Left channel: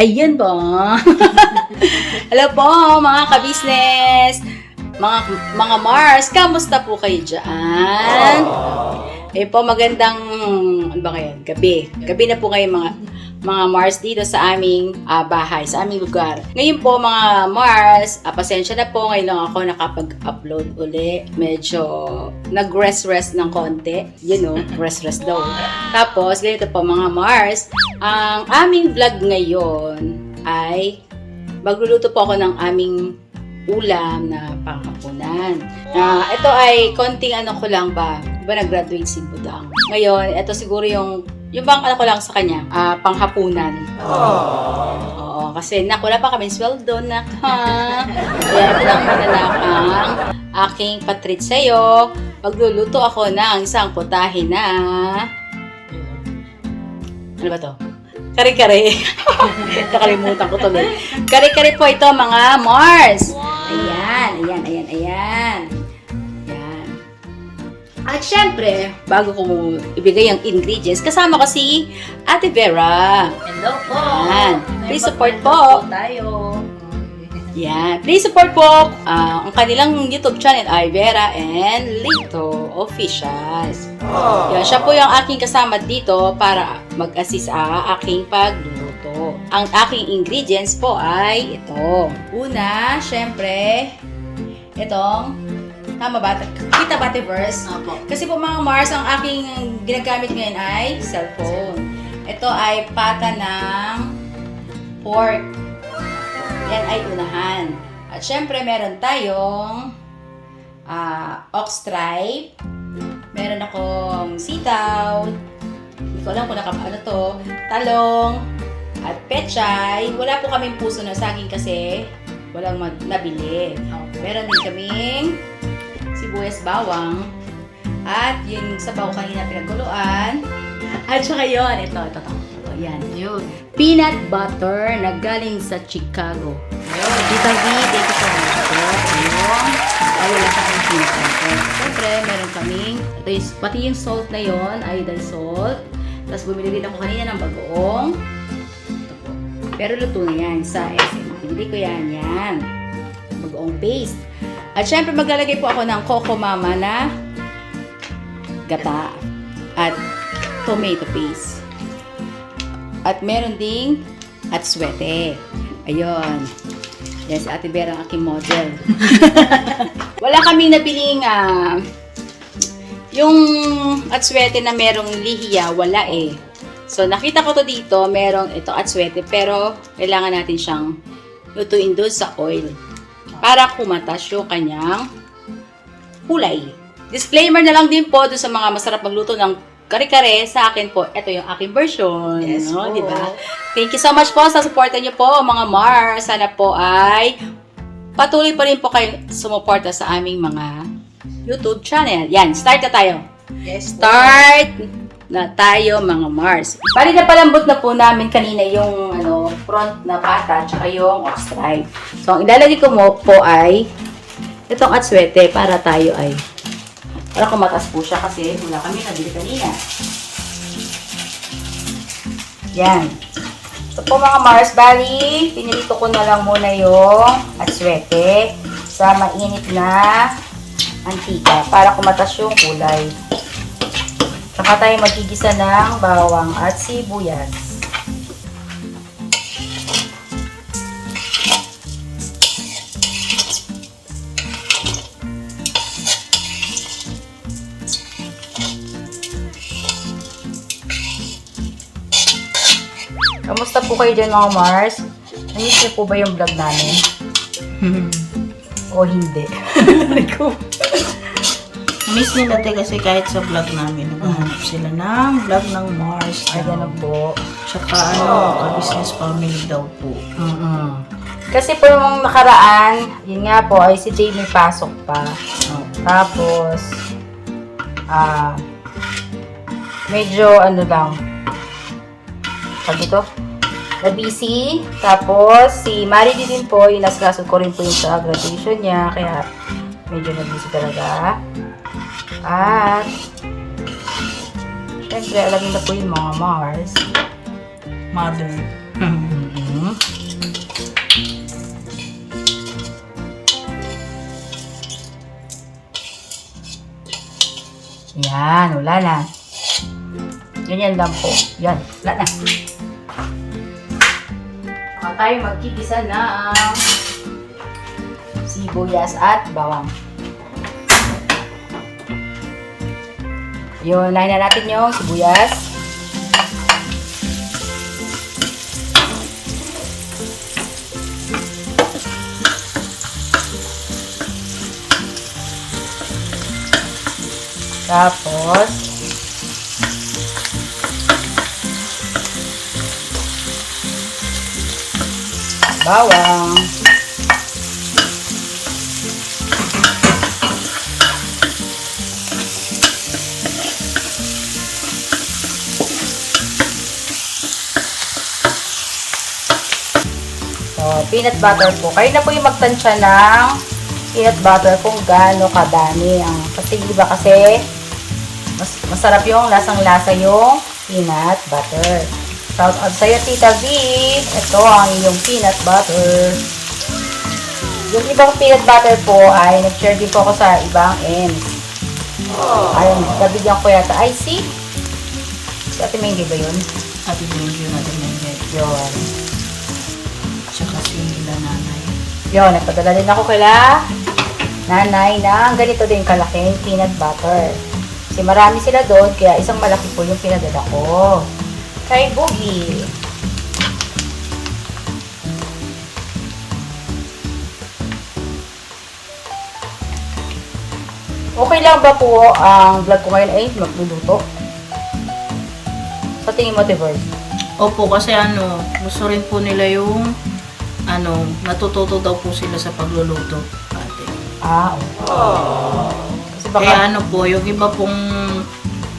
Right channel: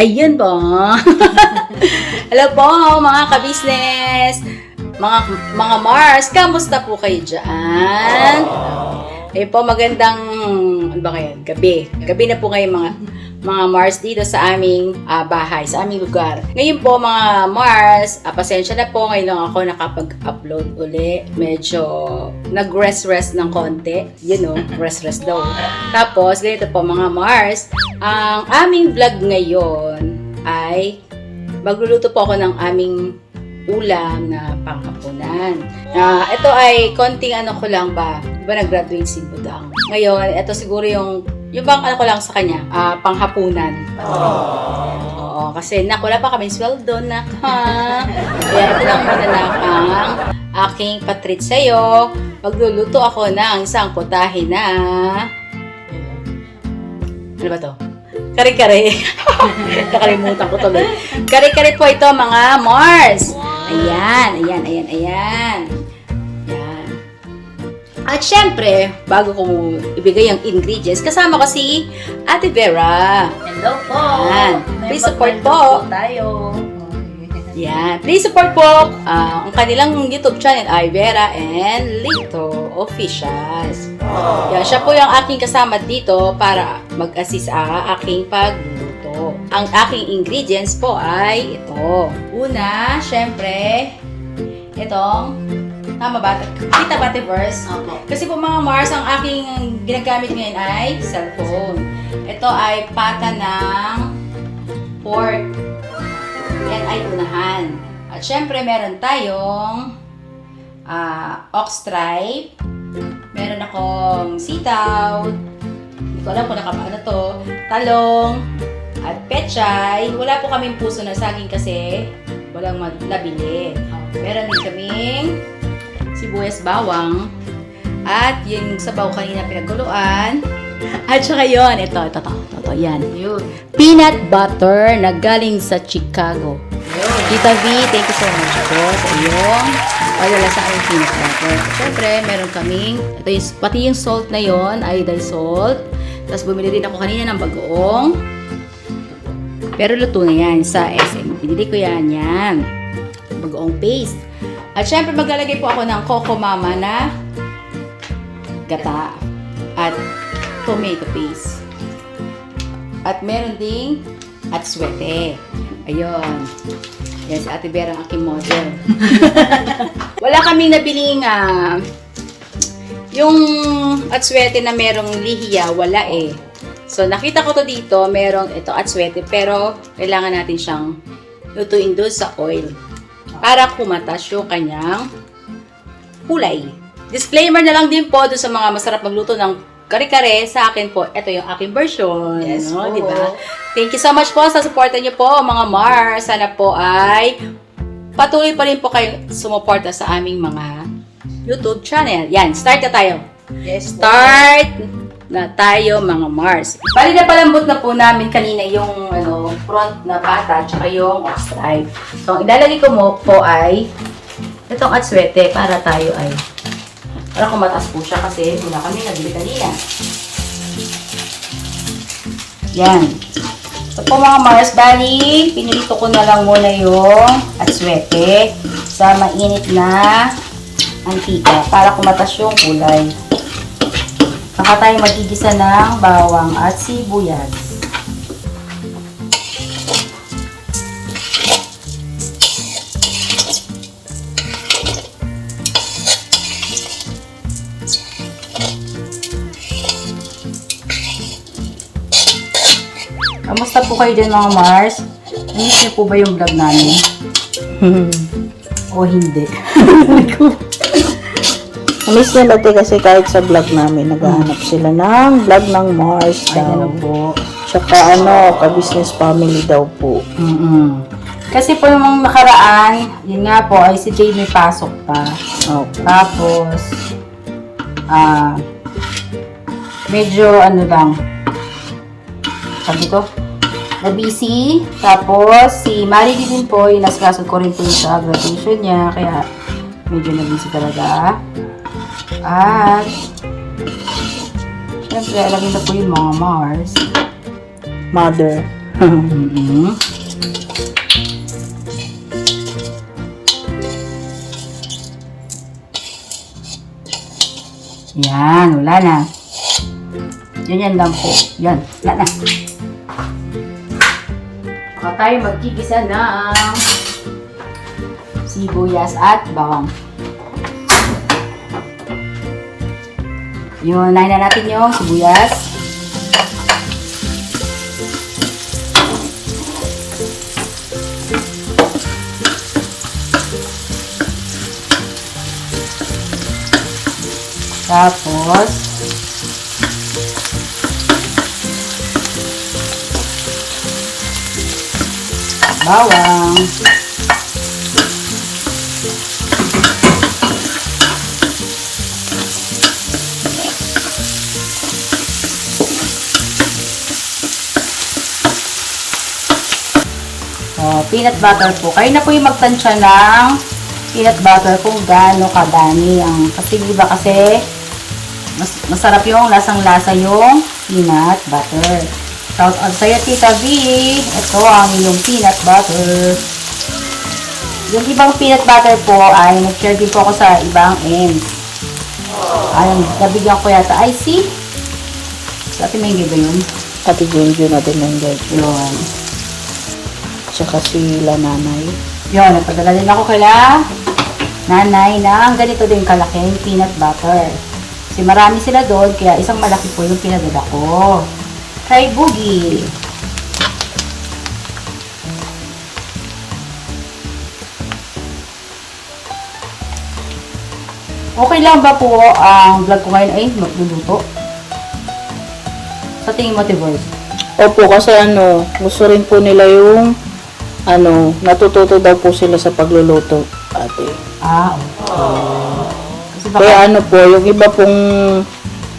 Ayun po. Hello po mga ka-business, mga Mars, kamusta po kayo dyan? Eh po, magandang, ano ba kayo? Gabi. Gabi na po kayo mga Mars dito sa aming bahay, sa aming lugar. Ngayon po mga Mars, pasensya na po, ngayon lang ako nakapag-upload uli. Medyo nag-rest ng konti. You know, rest daw. Tapos, ganito po mga Mars, ang aming vlog ngayon ay magluluto po ako ng aming ulam na panghapunan. Ito ay konting ano ko lang ba? Diba nag-graduate si Budang? Ngayon, ito siguro yung bang ano ko lang sa kanya, panghapunan. Oo, kasi wala pa kami sweldo na kaya ito lang muna lang ang aking patreat sa'yo. Magluluto ako ng isang putahe na ano ba to? Kare-kare. Nakalimutan ko tuloy. Kare-kare po ito mga Mars. Ayan. Yan. At syempre, bago ko ibigay ang ingredients, kasama ko si Ate Vera. Hello po. Yan. Please support po. Tayo. Yan. Please support po. Ang kanilang YouTube channel ay Vera and Lito Official. Yan. Siya po yung aking kasama dito para mag-assist sa aking pagluluto. Ang aking ingredients po ay ito. Una, syempre, itong tama ba? Kita ba verse? Opo. Kasi po mga Mars, ang aking ginagamit ngayon ay cellphone. Ito ay pata ng pork. Yan ay unahan. At syempre, meron tayong ox tripe. Meron akong sitaw. Hindi ko alam kung ano to. Talong. At pechay. Wala po kaming puso na saging kasi walang nabili. Meron din kaming sibuyas bawang. At yung sabaw kanina pinagkuluan. At saka yun, ito, yan. Yun. Peanut butter na galing sa Chicago. Tita V, thank you so much po sa iyong wala sa aking peanut butter. Siyempre, meron kaming, pati yung salt na yon, iodine salt. Tapos bumili din ako kanina ng bagoong. Pero luto na yan sa SM. Pinili ko yan. Bagoong paste. At syempre, maglalagay po ako ng Coco Mama na gata at tomato paste. At meron ding atswete. Ayun. Yes, Ate Vera ang aking model. Wala kami nabiling yung atswete na merong lihiya, wala eh. So, nakita ko to dito, merong ito atswete, pero kailangan natin siyang lutuin doon sa oil para kumatas yung kanyang kulay. Disclaimer na lang din po doon sa mga masarap magluto ng kare-kare. Sa akin po, ito yung aking version. Yes po. Diba? Thank you so much po sa supportan niyo po, mga Mars. Sana po ay patuloy pa rin po kayo sumuporta sa aming mga YouTube channel. Yan, start na tayo. Yes. Start na tayo, mga Mars. Bali na palambot na po namin kanina yung front na pata tsaka yung ox tripe. So, ang ilalagay ko po ay itong atswete para tayo ay para kumatas po siya kasi wala kami nabili kanina. Yan. So po mga Mars, bali, pinilito ko na lang muna yung atswete sa mainit na mantika para kumatas yung kulay. Saka tayo magigisa ng bawang at sibuyas. Kamusta po kayo dyan mga Mars? Namiss niyo po ba yung vlog namin? O hindi? Namiss nila ito kasi kahit sa vlog namin, naghahanap sila ng vlog ng Mars daw. Ano po? Tsaka ka-business family daw po. Kasi po yung nakaraan, yun nga po, ay si Jay may pasok pa. Tapos, medyo lang, sabi to, na-busy. Tapos, si Marily din po, inaskaso ko rin po sa graduation niya. Kaya, medyo na-busy talaga. At, syempre, alam niyo na po yung mga Mars. Mother. Mhm. Yan, wala na. Ganyan lang po. Yan, wala na. Ako tayo magkikisa na ang sibuyas at bawang. Yun, lain na natin yung sibuyas. Tapos, bawang. So, peanut butter po. Kayo na po yung magtansya ng peanut butter kung gaano kadami. Kasi iba kasi, masarap yung lasang-lasa yung peanut butter. Shout out sa'yo, Tita B. Ito ang iyong peanut butter. Yung ibang peanut butter po ay nag-share din po ako sa ibang ends. Ayun, nabigyan ko yata. Ay, see? Sa atin may ba yun? Ate Junjun natin nandiyan. Yun. Tsaka sila nanay. Yun, nagpadala din ako kaila nanay ng ganito din kalaking peanut butter. Kasi marami sila doon, kaya isang malaki po yung pinadala ko. Kay Boogie. Okay lang ba po ang vlog ko ngayon ay magluluto? Sa tingin mo, Tibor? Opo, kasi gusto rin po nila yung natututo daw po sila sa pagluluto, ate. Ah, kasi baka, Kaya po, yung iba pong,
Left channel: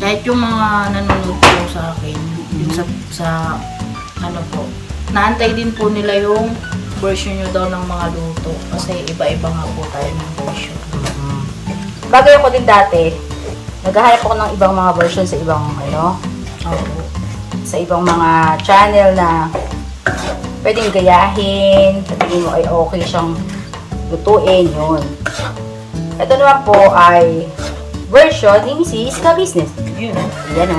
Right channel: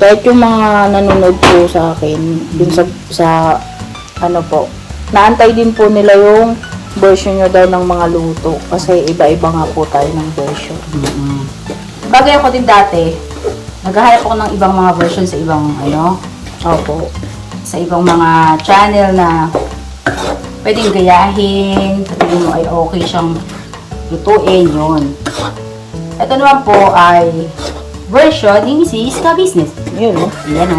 kahit yung mga nanonood po sa akin, din sa po, naantay din po nila yung version nyo daw ng mga luto. Kasi iba-iba nga po tayo ng version. bagay ako din dati, naghahanap ako ng ibang mga version sa ibang, Opo. sa ibang mga channel na pwedeng gayahin, sabihin mo ay okay siyang lutuin, yun. Ito naman po ay version ni Mrs. Ka-Business. Yun, Ayan,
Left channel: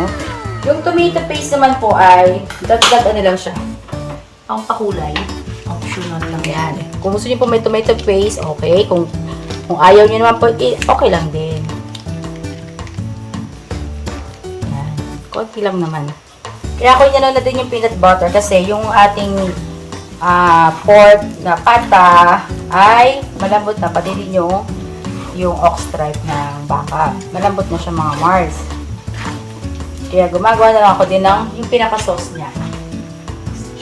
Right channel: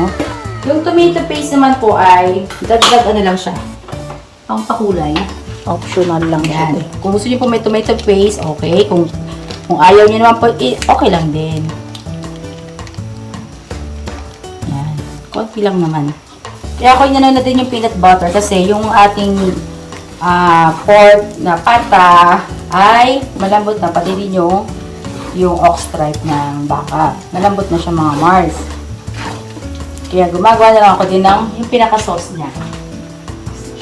Yung tomato paste naman po ay dagdag lang siya. Pang pakulay. optional lang Ayan. yan. Kung gusto niyo po may tomato paste, okay. Kung ayaw niyo naman po, okay lang din. Ayan. Konti lang naman. Kaya ako inano natin yung peanut butter kasi yung ating pork na pata ay malambot na, pati rin yung ox stripe na baka. Malambot na siya mga Mars. Kaya gumagawa na lang ako din ng yung pinaka-sauce niya.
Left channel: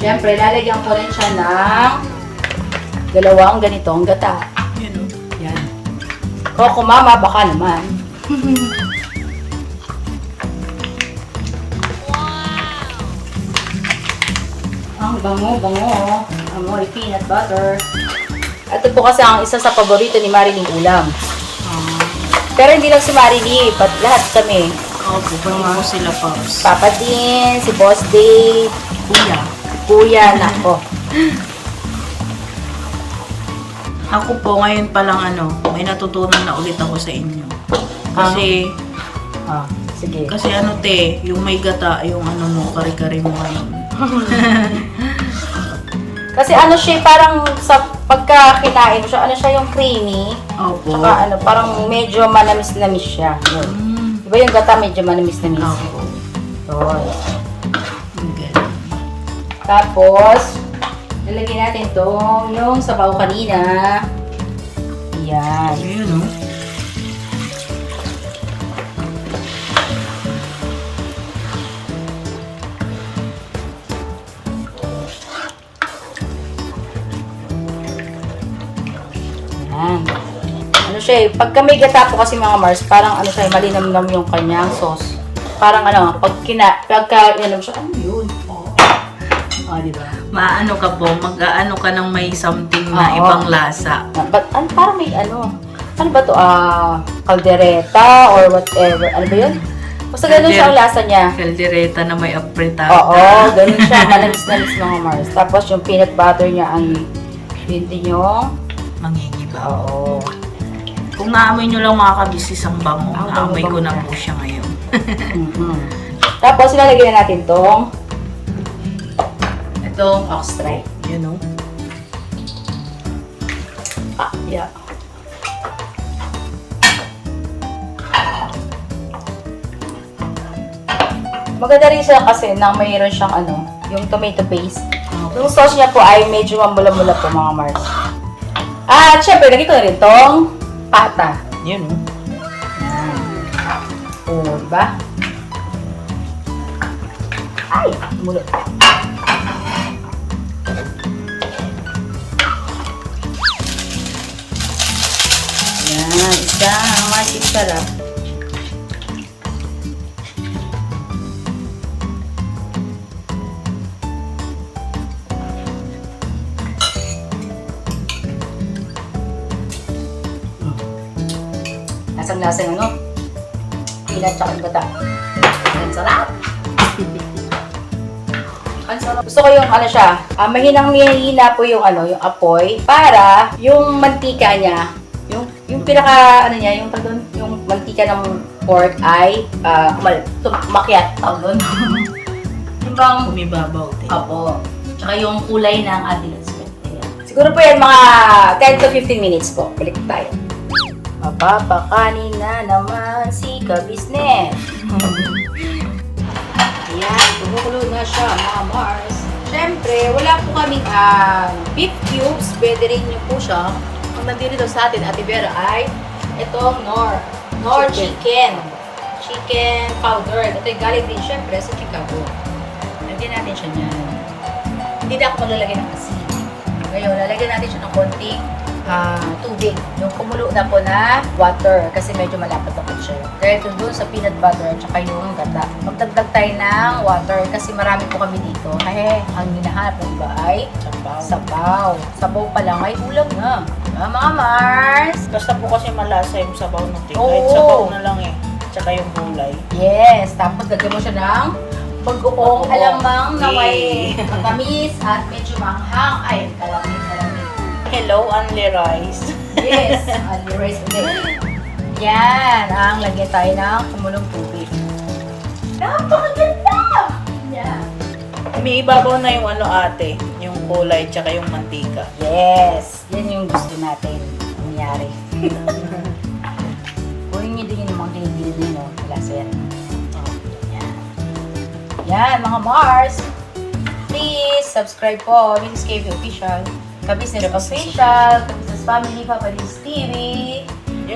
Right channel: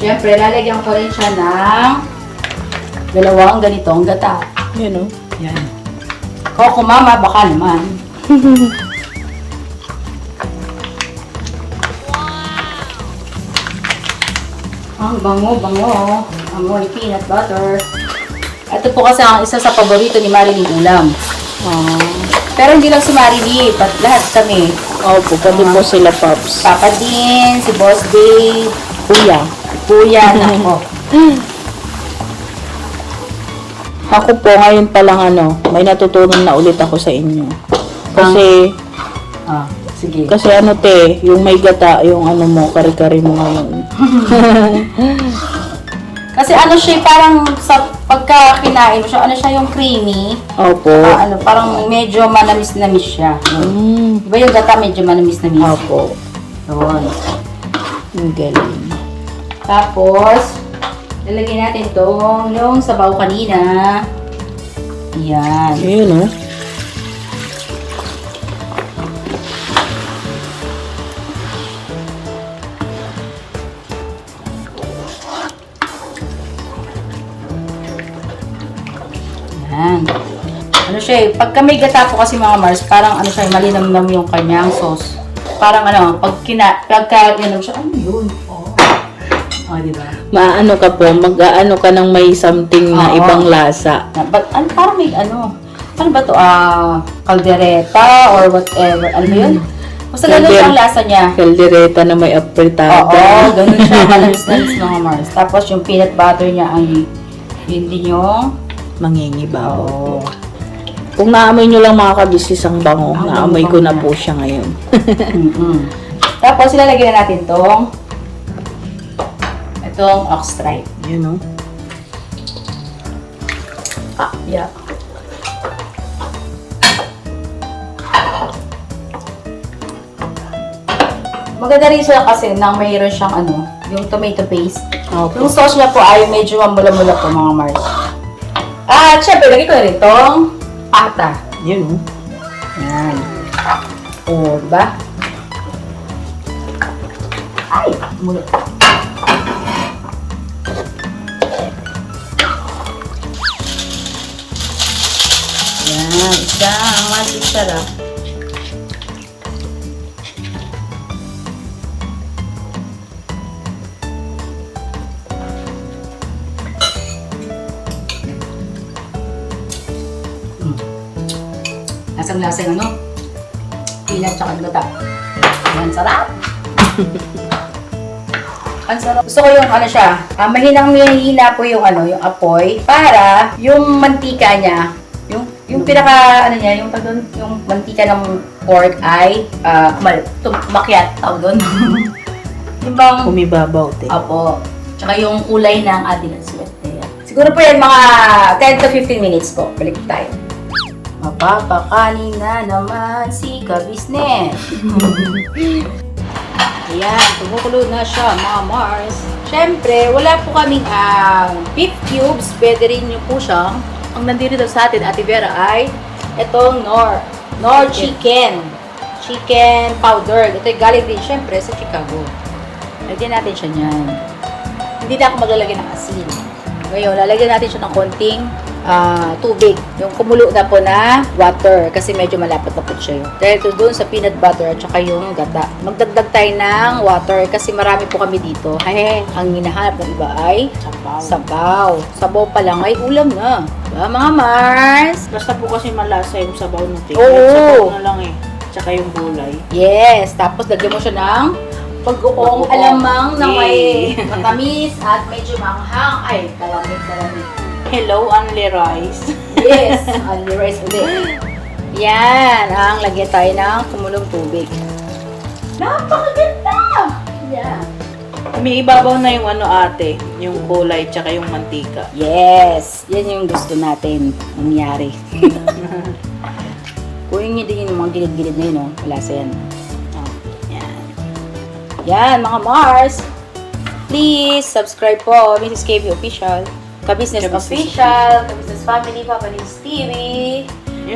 Siyempre, lalagyan ko rin siya ng dalawang ganitong gata. Yun, Yan. Koko mama, baka naman. Ang bango. Amoy peanut butter. Ito po kasi ang isa sa paborito ni Marilyn ulam. Pero hindi lang si Marilyn, lahat kami. Opo, pati po sila, Pops. Papa din, si Boss Dave, Kuya. Kuya, nako. Ako po, ngayon pa lang may natutunan na ulit ako sa inyo. Kasi, Sige. kasi yung may gata, yung mo, kari-kari mo ngayon. Kasi siya parang sa pagka kinain mo siya, siya yung creamy. Opo. Parang medyo manamis-namis siya. Mm. Diba yung gata medyo manamis-namis? Opo. Yun. Ang galing. Tapos, lalagyan natin yung sabaw kanina. Yan. Ayun, Yan. Siya pagka may gata po kasi mga Mars, parang siya, malinamnam yung kanyang sauce. Parang pagka yan siya, yun? Diba? Maano ka po, mag-aano ka ng may something na Oo. ibang lasa. But, parang may saan ba to? Caldereta or whatever. Ano ba yun? Basta ganun siya ang lasa niya. Caldereta na may apertado. Oo, ganun siya. Manalis-nalis mga Mars. Tapos yung peanut butter niya ay yun din yung Mangingibaw. oo. Kung naamoy nyo lang mga kabisnes ang bango, naamoy ko na po siya ngayon. Tapos ilalagyan na natin itong ox stripe. Yun o. Yeah. Maganda rin siya kasi na mayroon siyang yung tomato paste. Yung sauce niya po ay medyo mamula-mula po mga Mars. At syempre, lagay ko na rin itong pata. Yun o. Yan. O, diba? Ay, mula. Yan, isa. Ang ating sarap. Lasang-lasang peanut tsaka gata. Ang sarap. Ang sarap. Gusto ko yung siya, mahinang-mahina po yung yung apoy para yung mantika niya, yung pinaka niya, yung mantika ng pork ay makiat tawag doon. Yung bang Kumibabaw. apo. Tsaka yung kulay ng ating sweat. Siguro po yan mga 10 to 15 minutes po. Balik tayo. Mapapakanin na naman si Kabisnes. Ayan, tumukulo na siya mga Mars. Siyempre, wala po kaming beef cubes. Pwede rin nyo po siya. Ang nandito daw sa atin, Ate Vera, ay itong Nor chicken. Chicken powder. Ito ay galing din siyempre sa Chicago. Lagyan natin siya niyan. Hindi na ako maglalagay ng asin. Ngayon, lalagyan natin siya ng konting tubig. Yung kumulo na po na water kasi medyo malapot na po siya. Dahil ito doon sa peanut butter at saka yung gata. Magdagdag tayo ng water kasi marami po kami dito. Ang hinahanap ng iba ay sabaw. Sabaw pa lang, may ulam na. Mga Mars! Basta po kasi malasa yung sabaw ng tingin. Oo. Sabaw na lang eh. Tsaka yung gulay. Yes! Tapos lagyan mo siya ng pag-uong Pag-uong. alamang na may Yay. matamis at medyo manghang. Ay, kalamit. Hello, only rice. Yes! Only rice ulit. Yan! Ang lagyan tayo ng kumulong tubig. Napakaganda! Yan. Umiibabaw na yung ate, yung kulay tsaka yung mantika. Yes! Yan yung gusto natin mangyari. Kunin niyo din yung mga gilid-gilid na yun. Lasa yan. Yan. Yan, mga Mars! Please, subscribe po. Mrs. KB Official. Kabisnes Official. Kabisnes Family. Kabisnes TV.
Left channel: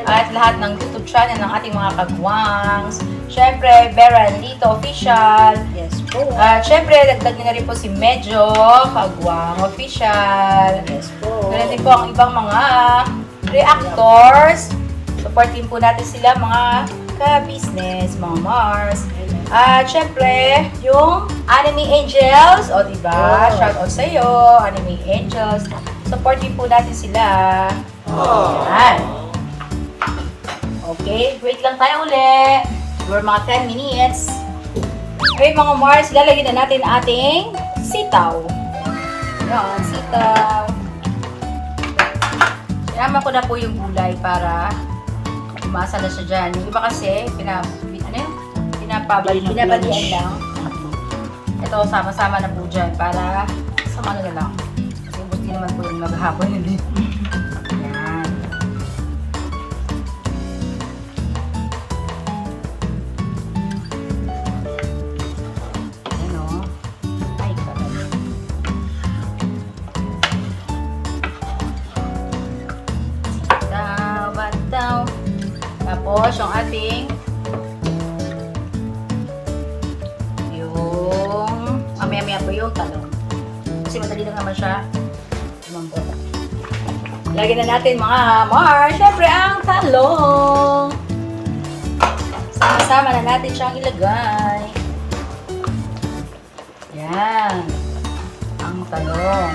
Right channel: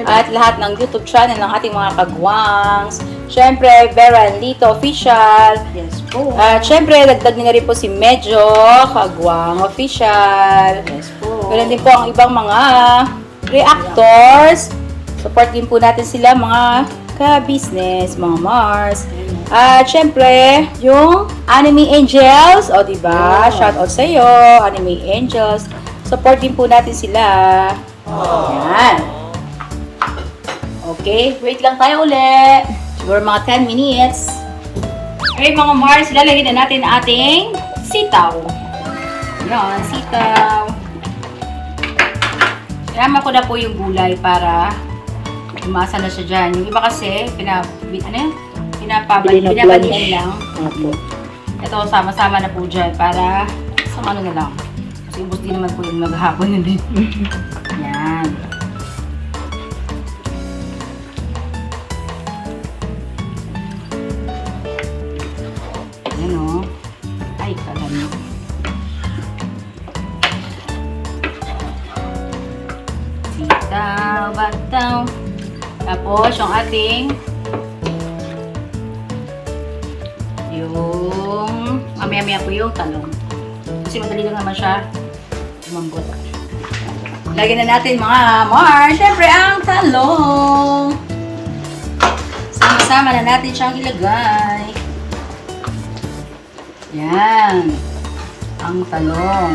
At lahat ng YouTube channel ng ating mga kagwangs. Siyempre, Vera and Lito Official. Yes po. At siyempre, dagdag na rin po si Medyo Kagwang Official. Yes po. Ganun din po ang ibang mga reactors. Support din po natin sila mga ka-business, mga Mars. At syempre, yung Anime Angels. O diba? Yeah. Shoutout sa iyo, Anime Angels. Support din po natin sila. Yan. Okay, wait lang tayo ulit. For mga 10 minutes. Okay mga Mars, lalagyan na natin ating sitaw. Yan, sitaw. Sinama ko na po yung gulay para umasa na siya dyan. Yung iba kasi, pinapabalian lang. Opo. Ito, sama-sama na po dyan para sa ano na lang. Kasi ubos din naman po yung maghapon na din. Yan. Yan o. Ay, karami. Sitaw, bataw. Tapos, yung ating mamaya-maya po yung talong. Kasi madali lang naman siya umambot. Lagyan na natin mga Mars, syempre ang talong. Sama-sama na natin siyang ilagay. Yan. Ang talong.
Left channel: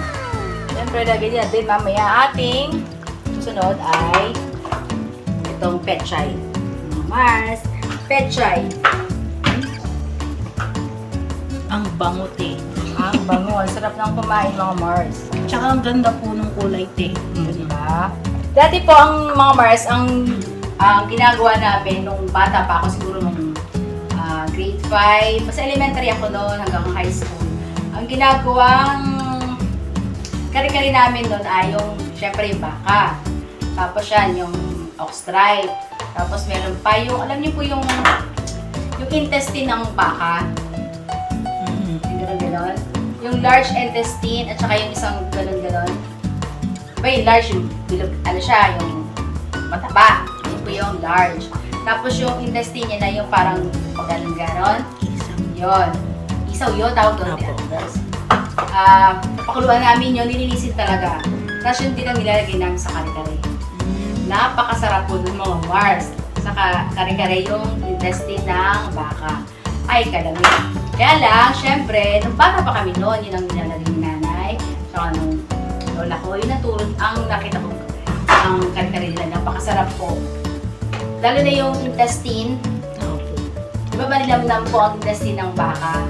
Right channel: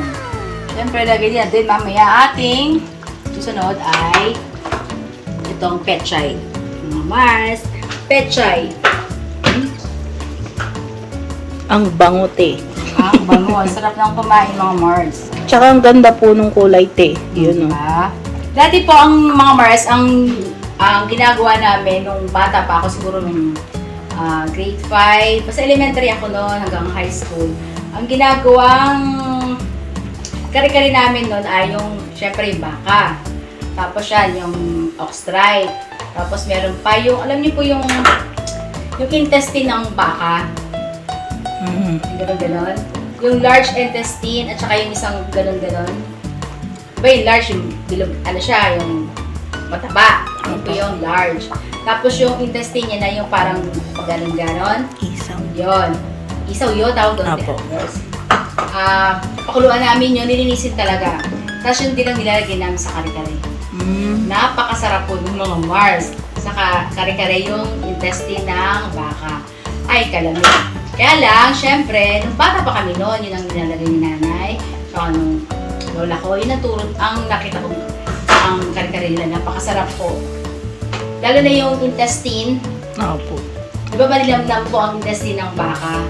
Syempre lagyan natin mamaya ating susunod ay itong pechay. Mga Mars, pechay. Ang bango, te. Bango. Sarap ng kumain, mga Mars. Tsaka ang ganda po nung kulay, te. Yun, oh. Dati po ang mga Mars, ang ginagawa namin nung bata pa ako, siguro nung grade 5, basta elementary ako noon hanggang high school. Ang ginagawang kare-kare namin noon ay yung, syempre yung baka. Tapos yan, yung ox-stripe. Tapos meron pa yung, alam niyo po yung intestine ng baka. Ganon-ganon. Yung large intestine at saka yung isang ganon-ganon. Diba yung large, yung bilog, ano siya, yung mataba. Yun po yung large. Tapos yung intestine niya na yung parang ganon-ganon. Isang. Yun. Isaw yun, tawag doon. Apo. Yes. Pakuluan namin yun, nilinisin talaga. Tapos yun din ang nilalagay namin sa kare-kare. Napakasarap po ng mga Mars. Saka kare-kare yung intestine ng baka. Ay, kalamig. Kaya lang, syempre, nung bata pa kami noon, yun ang nilalagay ni nanay. Saka nung lola ko, yun ang turun, ang nakita ko, ang kare-kare nila, napakasarap po. Lalo na yung intestine. Opo. Diba malilamnam po ang intestine ng baka?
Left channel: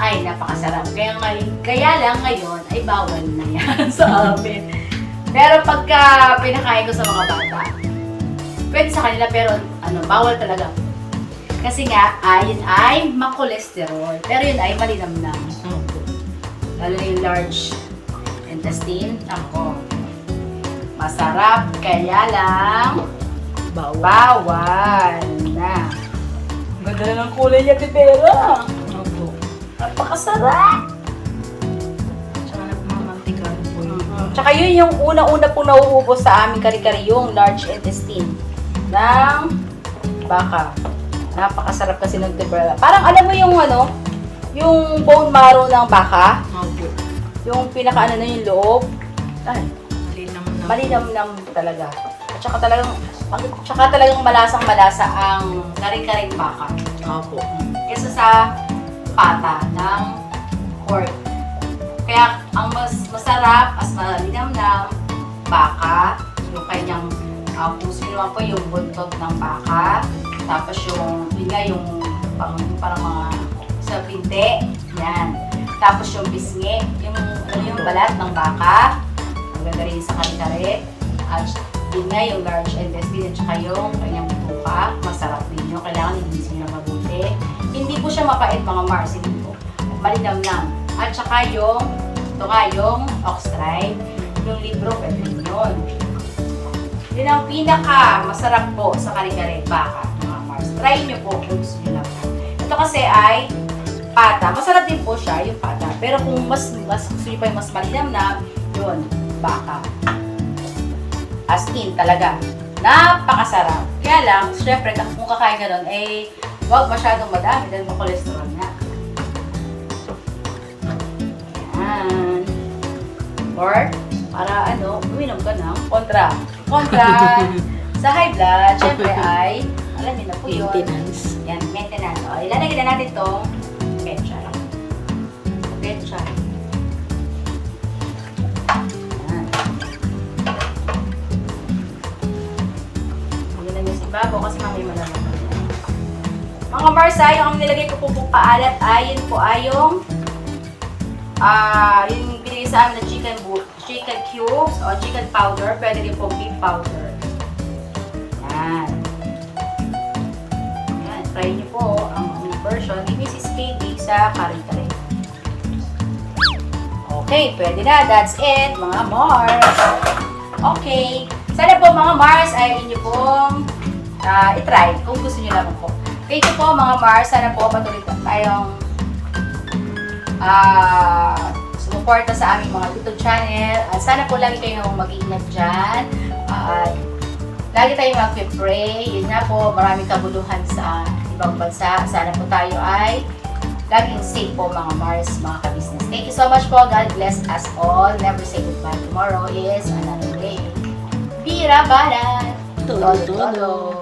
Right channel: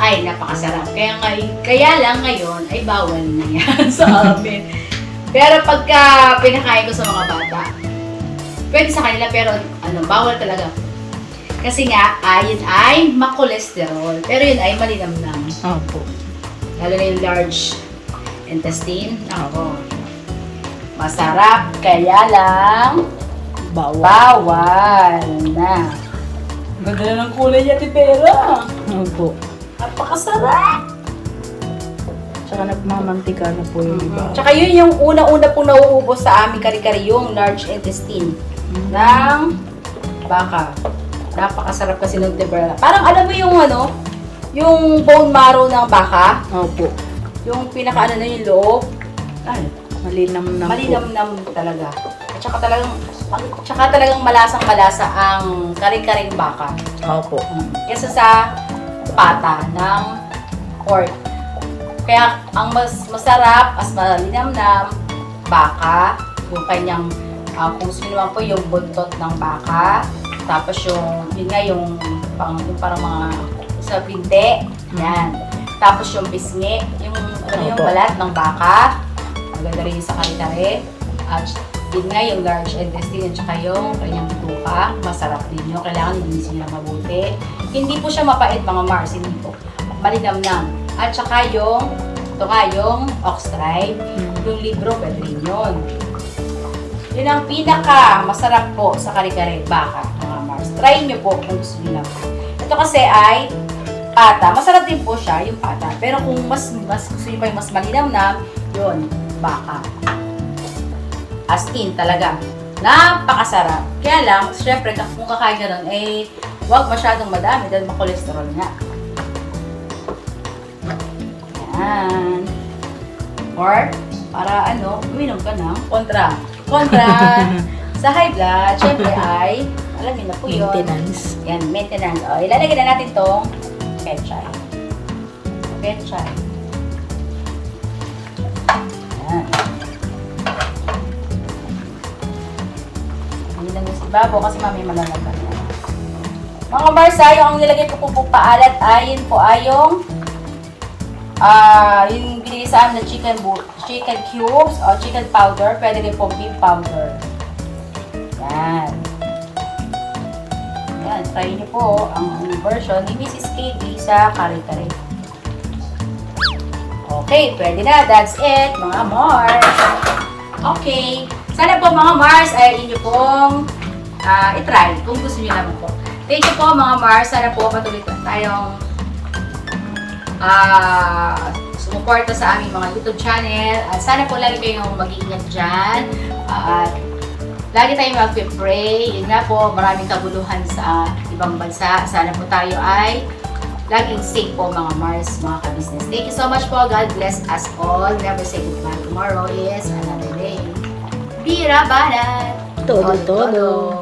Ay, napakasarap. Kaya lang ngayon, ay bawal na yan sa amin. Pero pagka pinakain ko sa mga bata, pwede sa kanila pero bawal talaga. Kasi nga, yun ay makolesterol. Pero yun ay malinamnam. Opo. Lalo na yung large intestine. Ako. Masarap, kaya lang bawal na. Ganda na ng kulay niya, Tibera. Opo. Napakasarap. Tsaka nagmamantika na po yung iba. Tsaka yun yung una-una pong nauubos sa aming kare-kare, yung large intestine ng baka. Napakasarap kasi ng Tibera. Parang alam mo yung yung bone marrow ng baka, Opo. yung pinaka na yung loob. Ay, Malinamnam po. malinamnam talaga. Tsaka talagang malasang-malasa ang kare-kareng baka. Opo. Kesa sa pata ng pork. Kaya ang mas masarap, mas malinamnam, baka, yung kanyang, kung sino naman po yung buntot ng baka, tapos yun nga yung parang mga sa binte, yan. Tapos yung bisngi, yung balat ng baka, ang ganda rin sa kare-kare. At yun nga yung large intestine at saka yung kanyang tuka, masarap din yun. Kailangan linisin ng mabuti. Hindi po siya mapait, mga Mars, hindi po. Malinamnam. At saka yung ox-stripe, yung libro, pwede rin yun. Yun ang pinaka masarap po sa kare-kare baka, mga Mars. Try nyo po kung gusto nyo lang. Ito kasi ay pata. Masarap din po siya, yung pata. Pero kung mas gusto nyo pa yung mas malinamnam, yun, baka. As in talaga. Napakasarap. Kaya lang, syempre, kung kakain ka nun, huwag masyadong madami dahil makolesterol nga. Yan. Or, para uminom ka na. Kontra sa high blood, syempre ay, alam niyo na po yun. Maintenance. Yan, maintenance. O, ilalagay na natin itong petchay. Petchay. Yan. Nilagay niyo si Babo kasi mamay malalaban yan. Mga Marsay, ang nilagay ko po paalat ay yun po ay yung ginisaan na chicken cubes o chicken powder. Pwede rin po beef powder. Yan. Yan. Try niyo po ang version ni Mrs. KB sa kare-kare. Okay, pwede na. That's it, mga Mars. Okay. Sana po mga Mars ay inyo pong itry kung gusto niyo naman po. Thank you po mga Mars. Sana po patuloy pa tayong sumuporta sa aming mga YouTube channel. At sana po lagi kayong mag-iingat dyan. At lagi tayong mag-pray. Yun nga po, maraming kabuluhan sa ibang bansa. Sana po tayo ay laging safe po mga Mars, mga ka-business. Thank you so much po. God bless us all. Never say goodbye. Tomorrow is another day. Bira banat! Todo.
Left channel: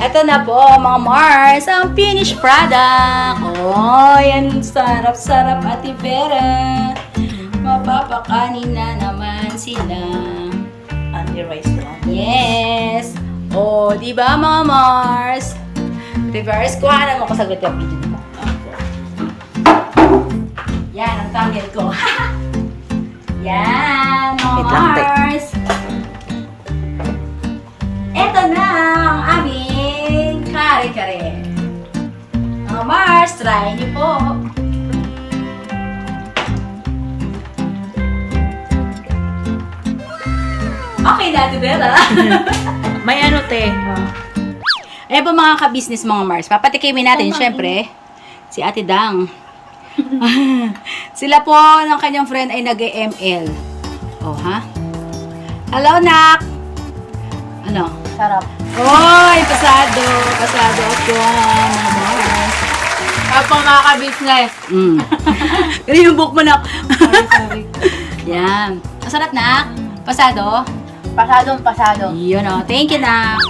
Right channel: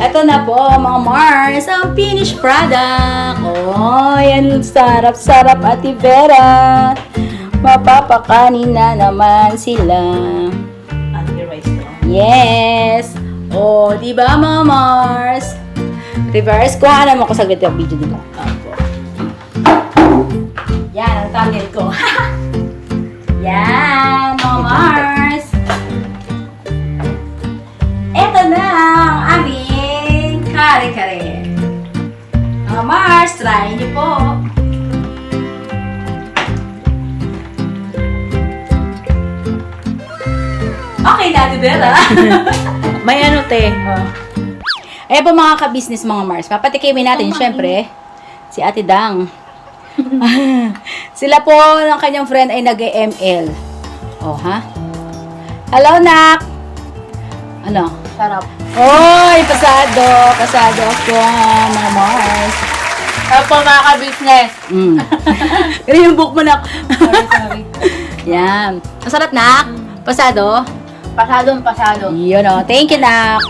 Ito na po mga Mars, ang finished product. Oh, yan sarap-sarap at Vera. Mapapakanin na naman sila. Anti-rice na. Yes. Oh, di ba mga Mars? Reverse. Kuha ka naman ko sa yung video nila. Opo. Yan, ang thumbnail ko. Yan, mga Ito, Mars. Ito na ang aming kare-kare. Mga Mars, try niyo po. Okay na, Vera. May ano, te? Ayan po mga ka-business, mga Mars. Papatikimin natin, syempre, si Ate Dang. Sila po ng kanyang friend ay nag-ML. Oh, ha? Hello, Nak! Ano? Sarap. Oy, pasado! Pasado ako, mga Mars. Opo, mga ka-business. Pero yung book mo, Nak. Sorry. Yan. Masarap, Nak. Pasado? Pasado. Yun, oh. Thank you, Nak.